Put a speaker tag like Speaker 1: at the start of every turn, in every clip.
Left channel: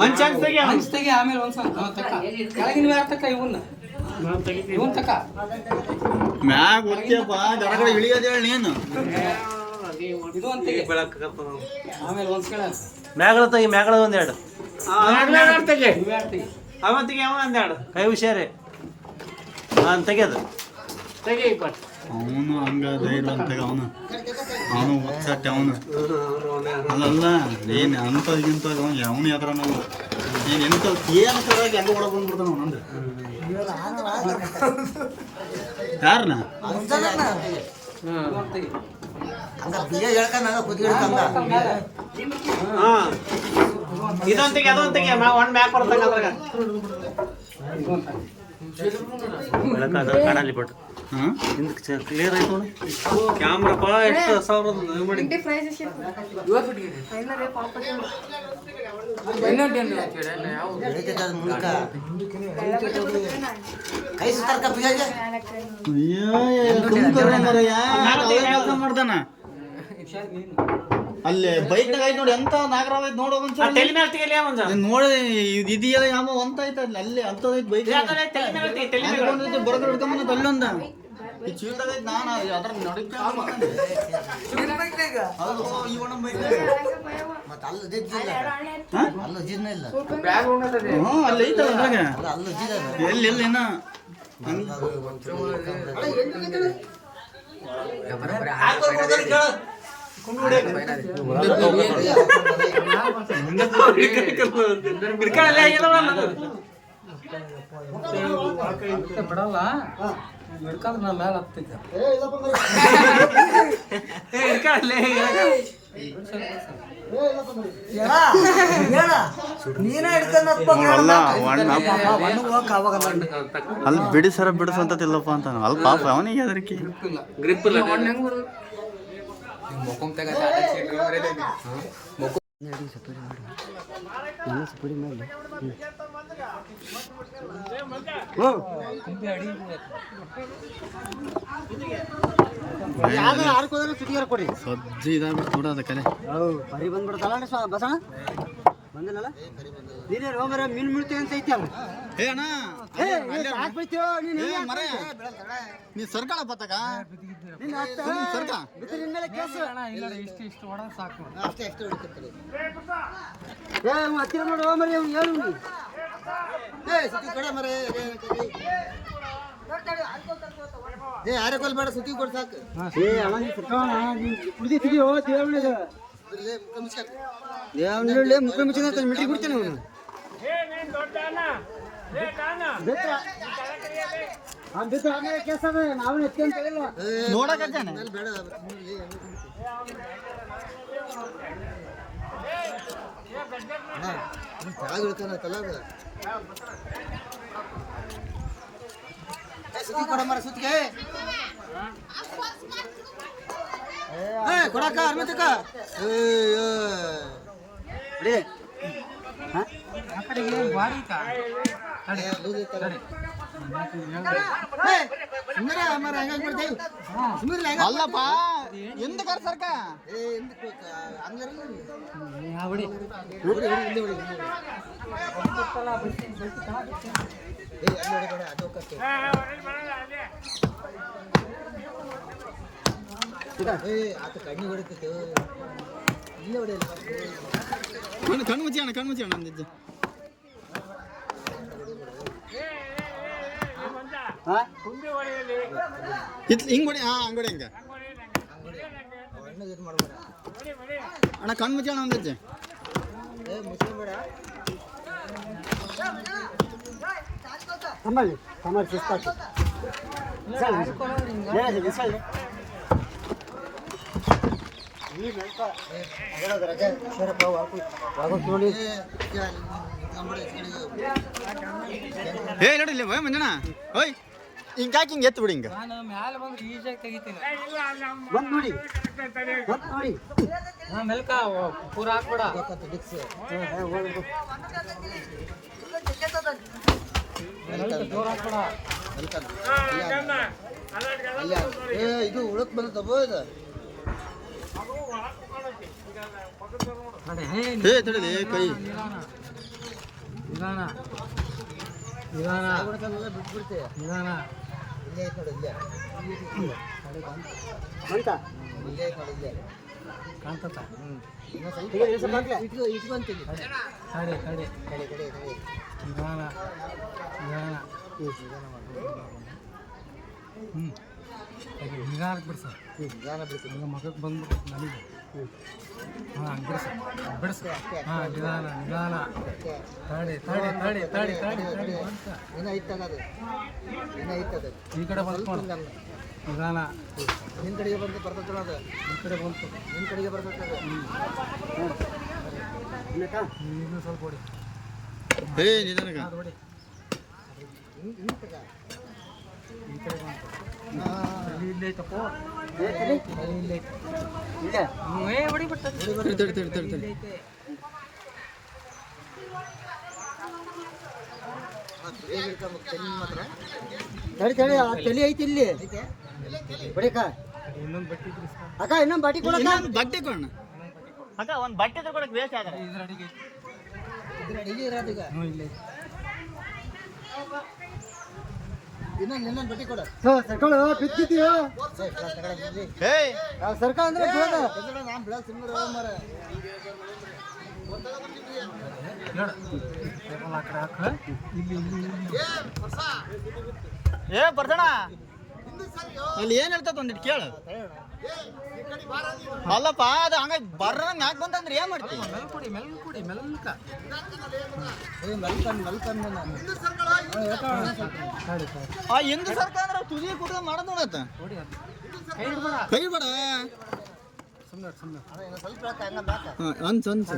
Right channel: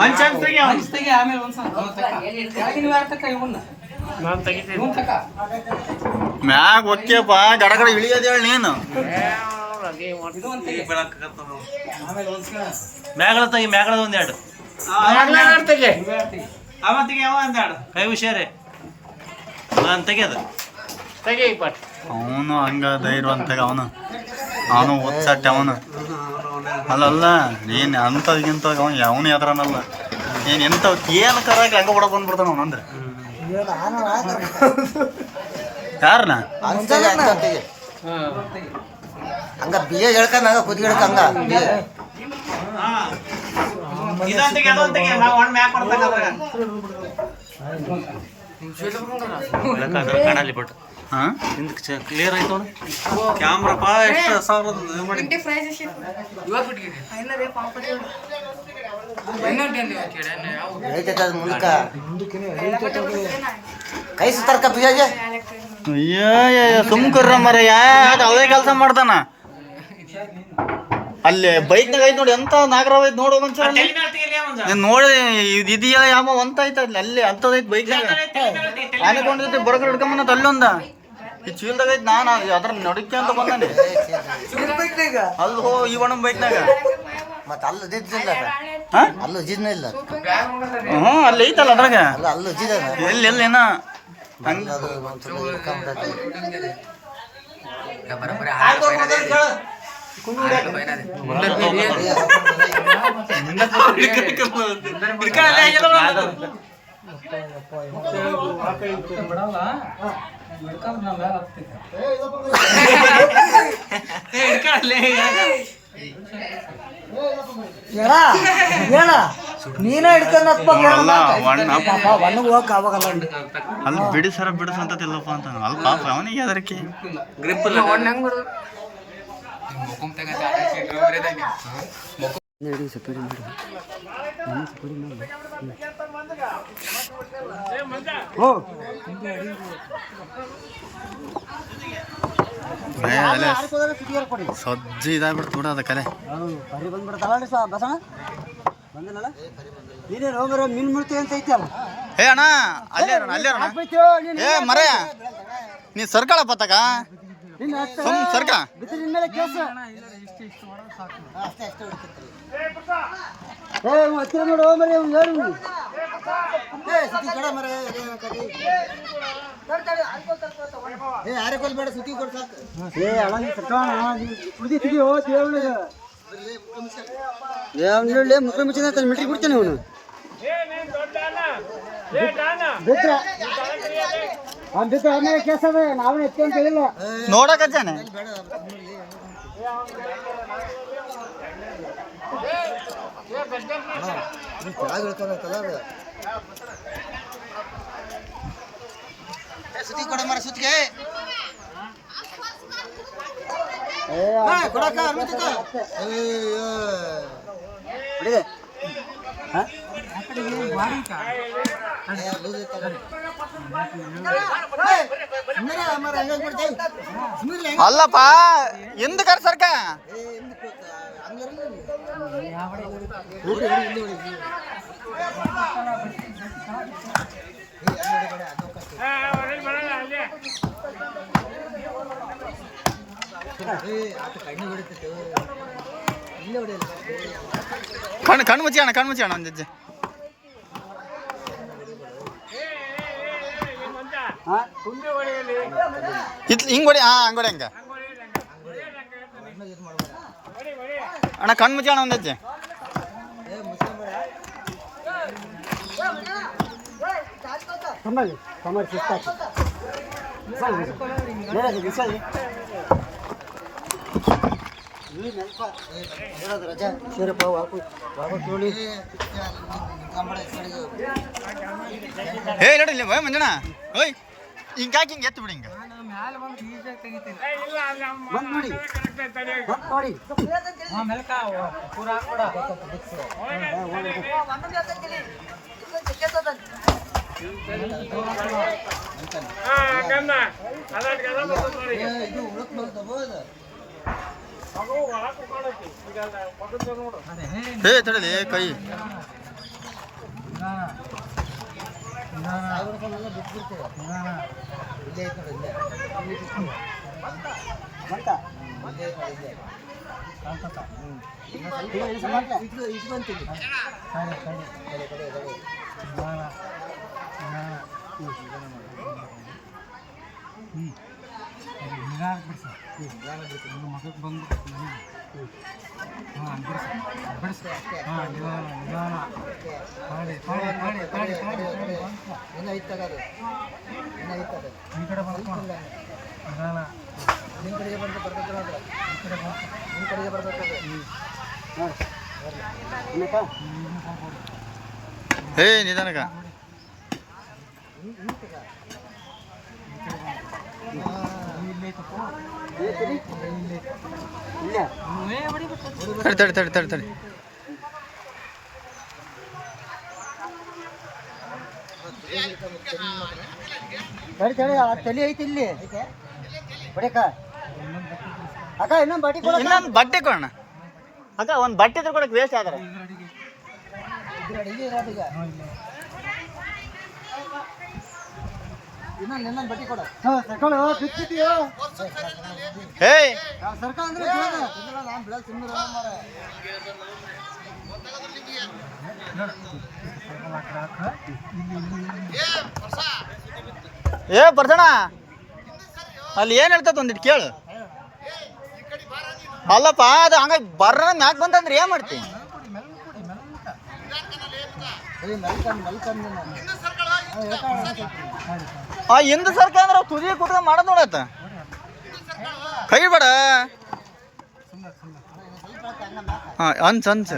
Speaker 1: ಮಂಚಾಗ ತೆಗಿ ಮಂಚ್ ತೆಗಿ ಆಮೇಲೆ ಒಂದ್ಸಲ ಯಾಕೆ ನೀವು ಆಗ್ತಕ್ಕ ಇವನ್ನ ಮ್ಯಾಗ ಒಕ್ಕೆಪ್ಪ ಗಡಗಡ ಇಳಿಯೋದು ಹೇಳಿ ನೀನು?
Speaker 2: ಮ್ಯಾಗಳ ತೆಗಿ ಮ್ಯಾಗಳ ಒಂದೆರಡು
Speaker 3: ಅವತ್ತಿಗೆ ಯಾವ ಅಂದಾಡು
Speaker 2: ಕೈ ಹುಷಾರಿ. ನಾನು ತೆಗಿಯೋದು.
Speaker 3: ತೆಗಿ
Speaker 1: ಅವನು ಹಂಗ ಧೈರ್ಯವಂತಾಗ ಅವನು. ಅವನು ಒತ್ತಟ್ಟೆ ಅವನು. ಅಲ್ಲಲ್ಲ ಏನ್ ಅಂತಗಿಂತ ಅವನು ಯಾವನು ಎದ್ರನಲ್ಲ. ಏನ್ ಎಂತ ಏನು ಕರಾಗಿ ಹಂಗ ಒಳಗೆ ಬಂದ್ಬಿಡ್ತಾನ ಅವನಂದ್ರೆ ಯಾರನ?
Speaker 4: ಹಂಗ ಬಿಯ ಹೇಳ್ಕೊಂಡ ಕುದಿ ಹೇಳ್ಕಂಗ
Speaker 3: ಇದೊಂದಿಗೆ ಅದೊಂದಿಗೆ ಒನ್ ಮ್ಯಾಪ್ ಬರ್ತಾನೆ ಅದ್ರಾಗ
Speaker 2: ಬೆಳಕಾದ್ರೆ ಕಾಣಲಿ ಬಟ್
Speaker 1: ಹಾ?
Speaker 2: ಕ್ಲಿಯರ್ ಆಯ್ತು ಕ್ಯಾಮ್ರಪ್ಪ ಎಷ್ಟು ಸಾವಿರದ ಮಾಡಿ.
Speaker 1: ಸುಮ್ಕರ್ರ ಮರ ಯಾರು ಅವೇ ಕೆಲಸ ಮಾಡ್ತಾನ. ಅಲ್ಲೇ ಬೈಕ್ನಾಗ ಐತ್ ನೋಡಿ ಎಂತ ನಾಗರಾವ್ ಐತ್ ನೋಡೋ ನೋಡಿ ಇದೆಯಾ ಇದೆಯಲ್ಲ ಯಾವ ಅಂತ ಐತ ಅಲ್ಲಿ. ಅಲ್ಲಿ ಅಂತದೈತ್
Speaker 3: ಬೈಕ್
Speaker 1: ಅನ್ಕೊಂಡಿದ್ದೆ ಬರಗರ್ ಹಿಡ್ಕೊಂಬಂದ ಅಲ್ಲೊಂದ. ಈ ಚೀಲ್ದಾಗ ಐತಿ ನಾನು ಅದ್ರ ನಡಕ್ಕೆ ಅಂತ ಬಂದಾನೆ. ಅಲ್ಲೋ ಒಣ ಬೈಕ್ನಾಗ
Speaker 4: ಮತ್ತೆ ಅಲ್ಲ ದಿದ್ದಿಲ್ಲ ಅಲ್ಲ ಜಿದ್ನ ಇಲ್ಲ
Speaker 1: ಹ್ಞೂ ಅಲ್ಲಿ ಐತಲ್ಲ ಅದ್ರಾಗ.
Speaker 4: ಅಲ್ಲ ಜಿದ
Speaker 1: ಎಲ್ಲಿ ಎಲ್ಲಿ ಏನ ಹಂಗ.
Speaker 3: ಹಿಡ್ಕೊಳ್ಳಲ್ಲ,
Speaker 1: ಅಲ್ಲಿ ಬಿಡಿ ಸರ ಬಿಡಿಸು ಅಂತ ಇಲ್ಲಪ್ಪ ಅಂತ ಅಲ್ಲಿ ಪಾಪ ಅವನಿಗೆ ಅದಕ್ಕೆ
Speaker 4: ಸಪರಿ ಕೊಡಿ
Speaker 1: ಸಜ್ಜಿ ಇದಾಗ್ಬಿಡ್ತು ಬಿಡ ಅದ ಕಲೆ
Speaker 4: ಬರಿ ಬಂದ್ಬಿಡ್ತಲ್ಲ ನೋಡಿ ಸ್ವಾ ಬಸಣ ಬಂದಿಲ್ಲಲ್ಲ ನೀನೇ ಹೋಗ್ರ ಮೀನ್ ಮುಳ್ತೀವಿ ಅಂತ ಐತಿ ಅಲ್ಲ
Speaker 1: ಏ ಅಣ್ಣ ಅಲ್ಲೇ ಅಣ್ಣ ಅಲ್ಲೇ ಅಣ್ಣ ಏ ಮರ ನೀ ಸರ್ಕಳ ತಕ
Speaker 4: ನಿನ್ನ ಹತ್ರ
Speaker 1: ಸುಮ್ ಸರ್ಕ
Speaker 4: ಅಷ್ಟೇ ಅಷ್ಟೇ ಹೊಡಿತಿರ್ತಾರೆ ಏ ಹತ್ತಿರ ನೋಡು ಹೇಳು. ಏ ಸುತ್ತಿ ಕೊಡ ಮರೆ. ಏ ಯಾರೇ ಕೊಲ್ಬೇಡ ಸುತ್ತಿ ಕೊಡ್ ಸಾಕು. ಏ ನೀನ್ ಸರ್ಕಣ ನೀನ್ ಕುಡ್ದಿದ್ದೀಯೋ ದೇವಳಿಗೆ ದೇವನಳ್ಳಿ ಮುಖ ಮುಚ್ಚಿದ ಮಿಟ್ಟಿ ಬಿಡ್ತಾನೆ ಅವನು. ಬಿಟ್ರ ಅವ್ನು ಬಿಟ್ರ ಆಮೇಲೆ ಕೇಸ್ ಅದ ನಾವೇ ಎತ್ತಿ ಅಂತ ಹೇಳಿಲ್ಲ.
Speaker 1: ನೋಡಕ ಜಾನೆ
Speaker 4: ಬೇಡ ಕೆಳಗೆ ಇಳ್ಕೊಂಡೈತಲ್ಲ ಅದು. ಏ, ಸುತ್ತಿ ಕೊಡ ಮರ ಸುತ್ತಿಗೆ ಕೊಡಕ ಅರ್ಮಿತಕ್ಕ ಹಾಂ ಲೂಸ್ ಐತಲ್ಲ ಸುಮ್ಮನೆ ಮರ ಹೆಂಗಾಗಿ ಮಾಡ್ತೇವೆ ಸುಮ್ಮನೆ ಹೆಂಗ
Speaker 1: ಅಲ್ಲಪ್ಪ ಎಂದ ಕರ್ ಸರ್ಕ
Speaker 4: ಏ ಎಂದಕ್ಕೆ ಹಂಗಾರಲ್ಲ ಹೊಡಿ ಹೊಡಿ ಇಲ್ಲಿ ಹೊಡಿ ಇಲ್ಲಿ ಏ ಅಲ್ಲಿ ಹೊಡಿಬೇಡ ಅದು ಕಟ್ಟು ಏ ಆತ ಕಣ್ಣಿ ಹೊಡಿತೈತೆ ಇಲ್ಲೇ ಹೊಡಿಯಲ್ಲ
Speaker 1: ಕಣ್ಣು ಕಣ್ಣು ಮುಚ್ಚಿ ಅಣ್ಣ ಕಣ್ಣು ಮುಚ್ಚಿ ಅಣ್ಣ ಒಂದು ಹೆಜ್ಜೆ
Speaker 4: ಹಾಂ
Speaker 1: ಇತ್ ಹಿಂಗ್ ಹೊಡಿ ಹಾ ಹಂಗ್ ಹೊಡಿ ಹಂಗ
Speaker 4: ಅಣ್ಣ ಇದು ಮಾಡ್ಬೇಡ
Speaker 1: ಅಣ್ಣ ಕಣ್ಣು ಮುಚ್ಚಿ ಅಣ್ಣ ಒಂದು
Speaker 4: ರಜೆ ಶಿರಪ್ಪ ನೋಡಿ
Speaker 1: ಏ ನೋಡಿ ಇಲ್ಲಿ ಭಯ ಮಂಜಣ್ಣ ಓಯ್ ಹಿಂಗೆ ಹಾಕಿ ಹಿಂಗೆ ಎತ್ತು ಬಿಡಿ ಹಿಂಗೆ.
Speaker 4: ಬಂದ್ ನೋಡಿ ಬಂದ್ ನೋಡಿ. ಏ ಇದು ಉಳಕ್ ಬಂದವ
Speaker 1: ಏ ತಡಲಿ ಕೈ
Speaker 4: ಬಿಟ್ಬಿಡ್ತೇವೆ ಇಲ್ಲೇ ಐತ್ ನೋಡಿ ಇಲ್ಲೇ ಬಂತ ಇಲ್ಲೇ ಐತ್ ನೋಡಿ ಇಲ್ಲೇ ಇಟ್ಕೊಂತೀನಿ ಕಡೆ ಕಡೆ ಕಡೆ ಕಡೆ ಕಡೆ ಗಾನ ಬಿಡ್ತೀನಿ
Speaker 5: ಮಗಕ್ಕೆ ಬಂದು ನನಗೆ
Speaker 4: ಹ್ಞೂ
Speaker 5: ಹಾಂ ಹಾಂ ನಿಧಾನ ನಿಧಾನ ತಾಡಿ ತಾಡಿ ತಾಡಿ ತಾಡಿ ತಾಡಿ ಕಡೆ. ನಿಧಾನ
Speaker 4: ನಿನ್ನ ಕಡೆಗೆ ಬಂದು
Speaker 5: ಈ ಕಡೆ
Speaker 4: ನೋಡಿ
Speaker 5: ಹ್ಞೂ ಹೊಡಿ
Speaker 1: ಏ ನಿಧಾನಕ
Speaker 5: ಹೊಡಿ
Speaker 1: ತಡಿ ತಡಿ ತಡಿ ತಡಿ ತಡಿ
Speaker 4: ತಡಿ ತಡಿ ಆ ತಲೆ ಐತಿ ಇಲ್ಲಿ.
Speaker 5: ಬಡಿಕ.
Speaker 4: ಅಕ್ಕ ಇನ್ನೊಂದು ಬಟ್ಟೆ ಕೊಡ
Speaker 1: ಇನ್ನೊಂದು ಬಟ್ಟೆ ಕೊಡೋಣ. ಅಕ್ಕ ಒಂದು ಬಟ್ಟೆ ತಗೊಳಕ್ ವೇಸ್ಟ್ ಆದ್ರೆ.
Speaker 5: ಇದ್ರ ಅಡಿಗೆ
Speaker 4: ಇದ್ರ ಅಡಿಗೆ ಇರೋದು ಈಗ
Speaker 5: ಹ್ಞೂ ಇಲ್ಲೇ
Speaker 4: ಇನ್ನೊಂದು ಇನ್ನೊಂದು ಬಟ್ಟಿ ಕೊಡ ಬಿತ್ತಿದೀಯೋ ಅಂದ್ರೆ ನಾನು ಮಾರ.
Speaker 1: ಏ ಅಲ್ಲಿ ಏನ್ ಹೇಳ್ತದ ಒಂದಿಟ್ಟು ಕೇಳು. ಅಲ್ಲಪ್ಪ ಅದು ಹಂಗ ಬರ್ರ ಮ್ಯಾಕ್ ಬಂತಂದ್ರೆ ಏನ್ ಮಾಡ್ತಿ? ಆ ಹಿಂದ ಸರ್ಕಾರ ಅಂದ್ರೆ ತುದಿ ಕುಟ್ಕೊಂಡ್ ಮಾಡೋದ್ ನೋಡತ್ತ ಕೈ ಬೇಡ. ಅನ್ಸ್ ಅನ್ಸ್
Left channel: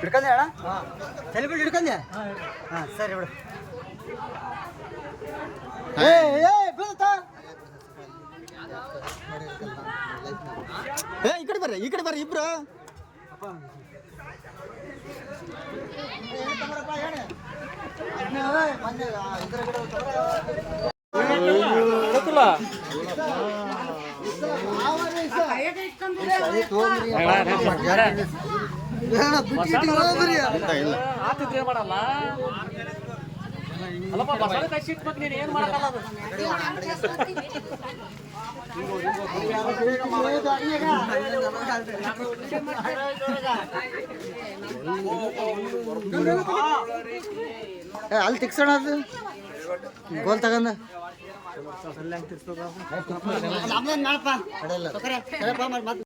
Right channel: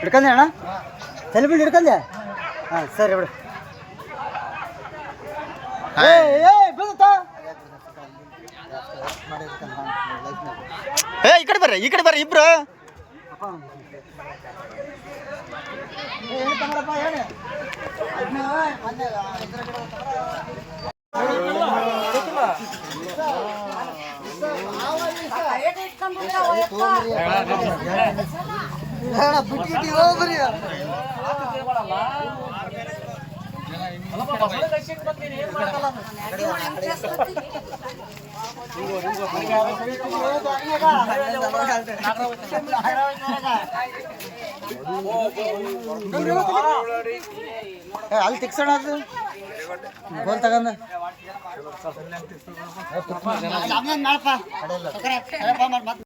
Speaker 4: ಹಿಡ್ಕಂದೆ ಅಣ್ಣ? ತಲೆ ಹಿಡ್ಕಂದೆ? ಹಾಂ ಸರಿ ಬಿಡು.
Speaker 1: ಏ ಈ ಕಡೆ ಬರ್ರಿ ಈ ಕಡೆ ಬರ್ರಿ ಇಬ್ರು
Speaker 4: ಬಿಟ್ಟು ಹೋಗ್ರಿ ಅಲ್ಲಿ ತಿಕ್ಸೋಣ ಅದು. ಗೋಲ್ ತಗೊಂಡ.
Speaker 3: ಏ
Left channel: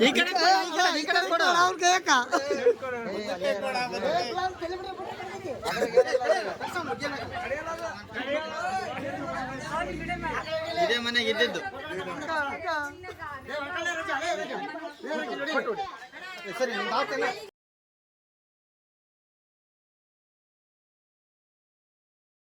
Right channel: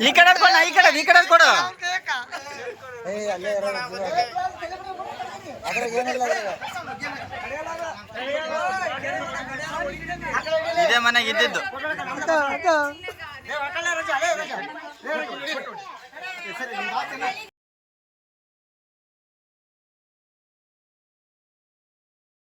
Speaker 3: ಈ ಕಡೆ ಕೊಡ ಈ ಕಡೆ ಈ ಕಡೆ ಕೊಡು ಇದೇ ಮನೆಗೆ ಇದ್ದಿದ್ದು
Speaker 4: ಸರಿ